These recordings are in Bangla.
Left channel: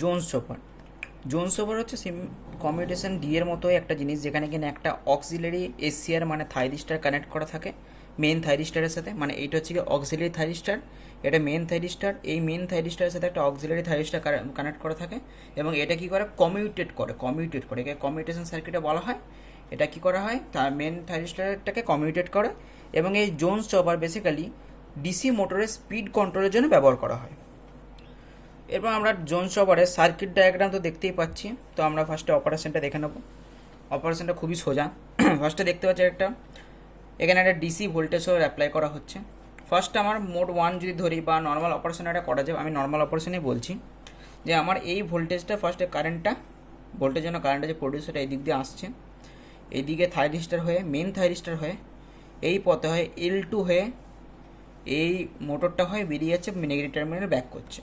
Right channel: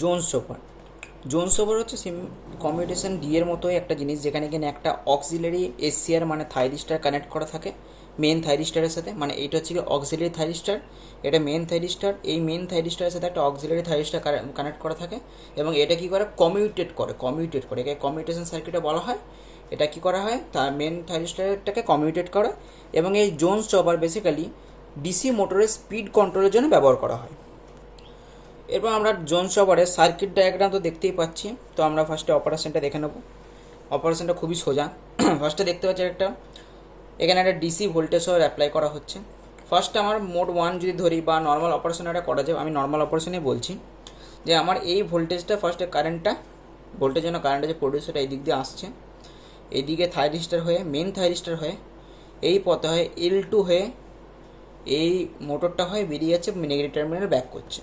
Jones chopper. জোন্স চপার হচ্ছে কমিউটেশন ডি এর মতোই একটা জিনিস, যেখানে কিনা একটা অক্সিলারি এসসিআর মানে থাইরিস্টার কানেক্ট করা থাকে মেন থাইরিস্টারের সাথে। মানে এইটা হচ্ছে কি অক্সিলারি থাইরিস্টার, এটা মেন থাইরিস্টার। এই মেন থাইরিস্টারের সাথে একটা অক্সিলারি থাইরিস্টার কানেক্ট করা থাকে এবং এটা কি করে কমিউটেট করে একে কমিউটেশন সার্কিটে বলা হয়। এটা কি করা হয়, তার মেন থাইরিস্টারটাকে কমিউটেট করে। এবং এই জোন্স চপার বেসিক্যালি ডিসি মোটরের স্পিড কন্ট্রোলের জন্য ব্যবহার করা হয়। এরপর আমরা জোন্স চপারের সার্কিট ডায়াগ্রাম তো দেখতেই পাচ্ছি। তো আমরা ফার্স্টে অপারেশনটা দেখে নেব। অপারেশনটা খুবই সোজা। ফার্স্টে দেখতে পাচ্ছি এখানে একটা ডিসি ভোল্টেজ অ্যাপ্লাই করা হচ্ছে। ফার্স্ট আমার মোড 1 যদি ধরি বা নর্মাল অপারেশন এটা করা যায়, আমি নর্মাল অপারেশনেই বলছি যে আমার এই ভোল্টেজটা ফার্স্টে ভোল্টেজ জন্য কারেন্টটা যে প্রডিউস সেটা এই দিক দিয়ে আসছে, এইদিকে থাইরিস্টার হয়ে মেন থাইরিস্টার হয়ে এই পথে হয়ে L2 হয়ে এই মোটরটা হয়ে বেরিয়ে যাচ্ছে, নেগেটিভ টার্মিনাল ব্যাক করছে।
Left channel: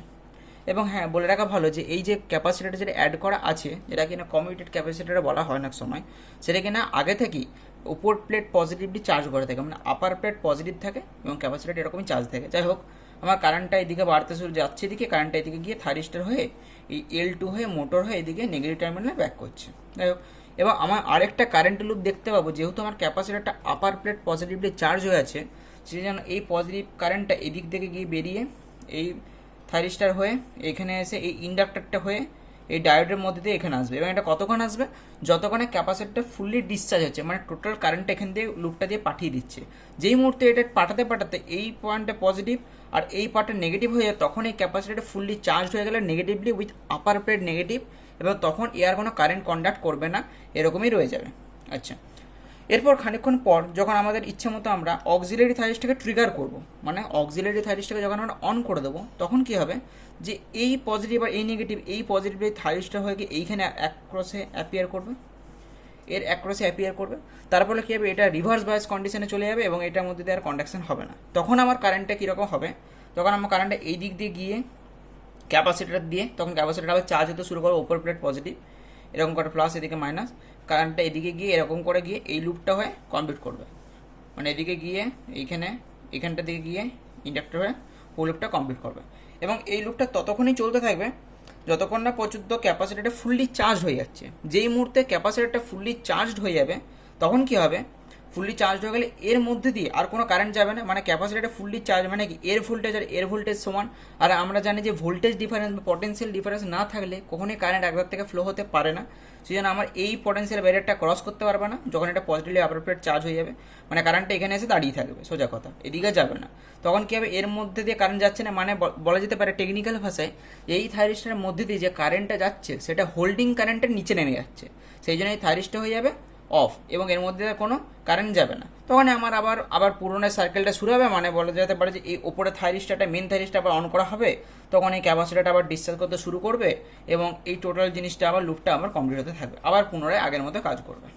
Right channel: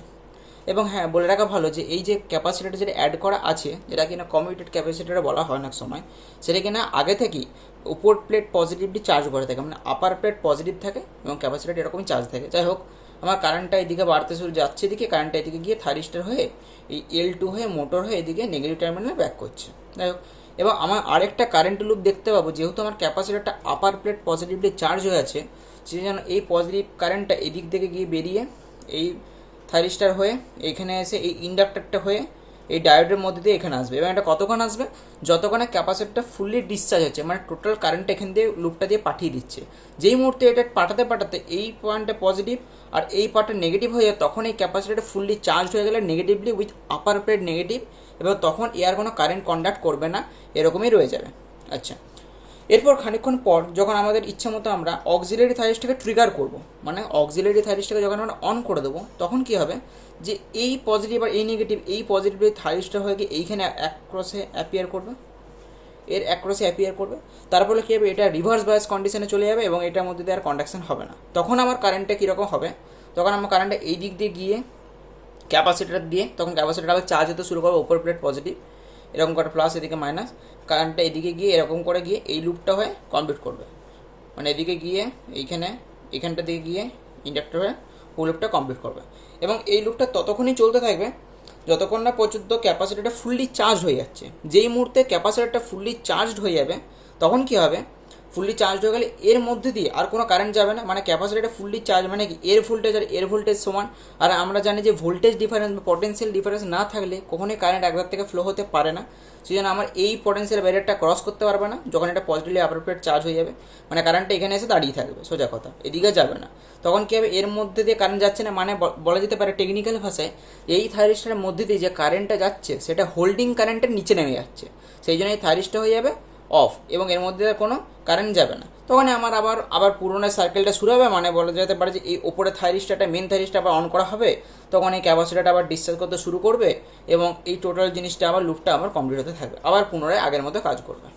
এবং হ্যাঁ, বলে রাখা ভালো যে এই যে ক্যাপাসিটারটা যেটা অ্যাড করা আছে, যেটা কিনা কমিউটেড ক্যাপাসিটার বলা হয় অনেক সময়, সেটা কিনা আগে থেকেই উপর প্লেট পজিটিভলি চার্জ করে থাকে, মানে আপার প্লেট পজিটিভ থাকে এবং ক্যাপাসিটার এরকমই চার্জ থাকে। যাই হোক, আমার কারেন্টটা এদিকে বাড়তে শুরু যাচ্ছে, এদিকে কারেন্টটা এদিকে গিয়ে থাইরিস্টার হয়ে এই L2 হয়ে মোটর হয়ে এদিকে নেগেটিভ টার্মিনালে ব্যাক করছে। যাই হোক, এবং আমার আরেকটা কারেন্ট লুপ দেখতে পাবো, যেহেতু আমার ক্যাপাসিটারটা আপার প্লেট পজিটিভলি চার্জ হয়ে আছে, সেই জন্য এই পজিটিভ কারেন্টটা এদিক থেকে গিয়ে বেরিয়ে এই থাইরিস্টার হয়ে এখানে এসে এই ইন্ডাক্টরটা হয়ে এই ডায়োডের মধ্যে দিয়ে এখানে আসবে। এবং এটা কতক্ষণ আসবে, যতক্ষণে ক্যাপাসিটারটা ফুললি ডিসচার্জ হচ্ছে, মানে টোটাল কারেন্ট এখান দিয়ে লুপটা দিয়ে পাঠিয়ে দিচ্ছে। যেই মুহূর্তে এটা পাঠাতে এই পয়েন্টে পজিটিভ আর এই পার্টটা নেগেটিভ হয়ে যায়, তখন এই ক্যাপাসিটারটা ফুললি চার্জ হয়ে গেলে negatively with upper plate negative, এবং তখন এর কোনো কারেন্ট কন্ডাক্ট করবে না, এরকমই রয়ে যাবে। আচ্ছা, এরপর খানিকক্ষণ পর যখন আমাদের ইচ্ছা মতো আমরা অক্সিলারি থাইরিস্টটাকে ট্রিগার করব, মানে অক্সিলারি থাইরিস্টটাকে যখন আমরা অন করে দেবো, তখন কি হবে যে এই পজিটিভ আর এই নেগেটিভ, এই পজিটিভ থাইরিস্টার হয়ে গিয়ে এইখানে অ্যাক্রসে অ্যাপিয়ার করবে, তার ফলে কী হবে, এটা রিভার্স বায়াস কন্ডিশনে চলে যাবে এবং এটার মধ্যে দিয়ে আর কন্ডাকশন হবে না। তখন আমার কারেন্টটা কীরকম হবে, তখন আমার কারেন্টটা এই দিক দিয়ে গিয়ে ক্যাপাসিটার দিয়ে, তখন ক্যাপাসিটার আবার চার্জ হতে শুরু করবে, উপর প্লেট পজিটিভ এরকম করে প্লাস, এদিকে মাইনাস, কারেন্টটা এদিকে গিয়ে এরকম করে গিয়ে এই লুপটা হয়ে কমপ্লিট করবে, মানে এদিকে গিয়ে এইখানটা দিকে গিয়ে ইন্ডাক্টর হয়ে পুরো লুপটা কমপ্লিট করবে। এবং এই লুপটা ততক্ষণই চলতে থাকবে যতক্ষণ না পর্যন্ত ক্যাপাসিটারটা ফুললি চার্জ হয়ে যাচ্ছে। যেই মুহূর্তে ক্যাপাসিটারটা ফুললি চার্জড হয়ে যাবে, তখন কি হবে, ফুললি চার্জ হয়ে গেলে এর মধ্যে দিয়ে আর কোনো কারেন্ট যাবে না, মানে ক্যাপাসিটারটা ফুললি চার্জ, মানে কি এর ভোল্টেজ আর এর ভোল্টেজ সমান। আর আমরা জানি যে ভোল্টেজ ডিফারেন্স বা পটেন্সিয়াল ডিফারেন্স না থাকলে কখনোই কারেন্ট একবার থেকে ফ্লো হতে পারে না। সেই জন্য আমার এই পটেন্সিয়াল ব্যারিয়ারটা ক্রস করতে পারবে না যখন এটা পজিটিভলি আপার প্লেট চার্জ হয়ে যাবে, মানে কারেন্টটা এখানে এসে দাঁড়িয়ে থাকবে, সোজা কথা, এদিকে যাবে না। তখন কী হবে, এর মধ্যে দিয়ে কারেন্ট যাচ্ছে না, মানে বলা যেতে পারে টেকনিক্যাল ভাষায় এই থাইরিস্টারের মধ্যে দিয়ে যে কারেন্টটা যাচ্ছে সেটা হোল্ডিং কারেন্টের নিচে নেমে যাচ্ছে, সেই জন্য এই থাইরিস্টার হয়ে যাবে অফ এবং এর মধ্যে কোনো কারেন্ট যাবে না। তখন আমার আবার পুরোনো সার্কেলটা শুরু হবে, মানে বলা যেতে পারে যে এই ওপরে থাইরিস্টারটা মেন থাইরিস্টার আবার অন করা হবে, তখন এই ক্যাপাসিটারটা আবার ডিসচার্জ করতে শুরু করবে এবং এই টোটাল জিনিসটা আবার লুপটা আবার কমপ্লিট হতে থাকবে, আবার পুনরায় আগের মতো কাজ করবে।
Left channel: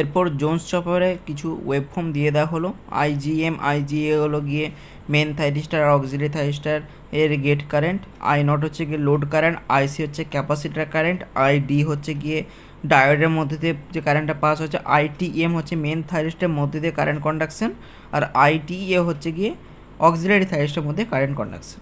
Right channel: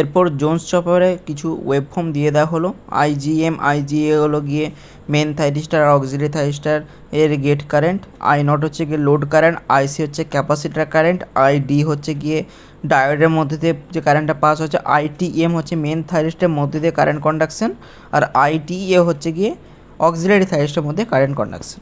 এরপর জোন্স চপারে কিছু ওয়েবফর্ম দিয়ে দেওয়া হলো। আইজিএ হলো গিয়ে মেন থাইরিস্টার আর অক্সিলারি থাইরিস্টার এর গেট কারেন্ট, I0 হচ্ছে গিয়ে লোড কারেন্ট, IC হচ্ছে ক্যাপাসিটার কারেন্ট, ID হচ্ছে গিয়ে ডায়োডের মধ্যে দিয়ে যে কারেন্টটা পাস হচ্ছে, ITM হচ্ছে মেন থাইরিস্টারের মধ্যে দিয়ে কারেন্ট কন্ডাকশন, আর ITE হচ্ছে গিয়ে অক্সিলারি থাইরিস্টারের মধ্যে কারেন্ট কন্ডাকশন।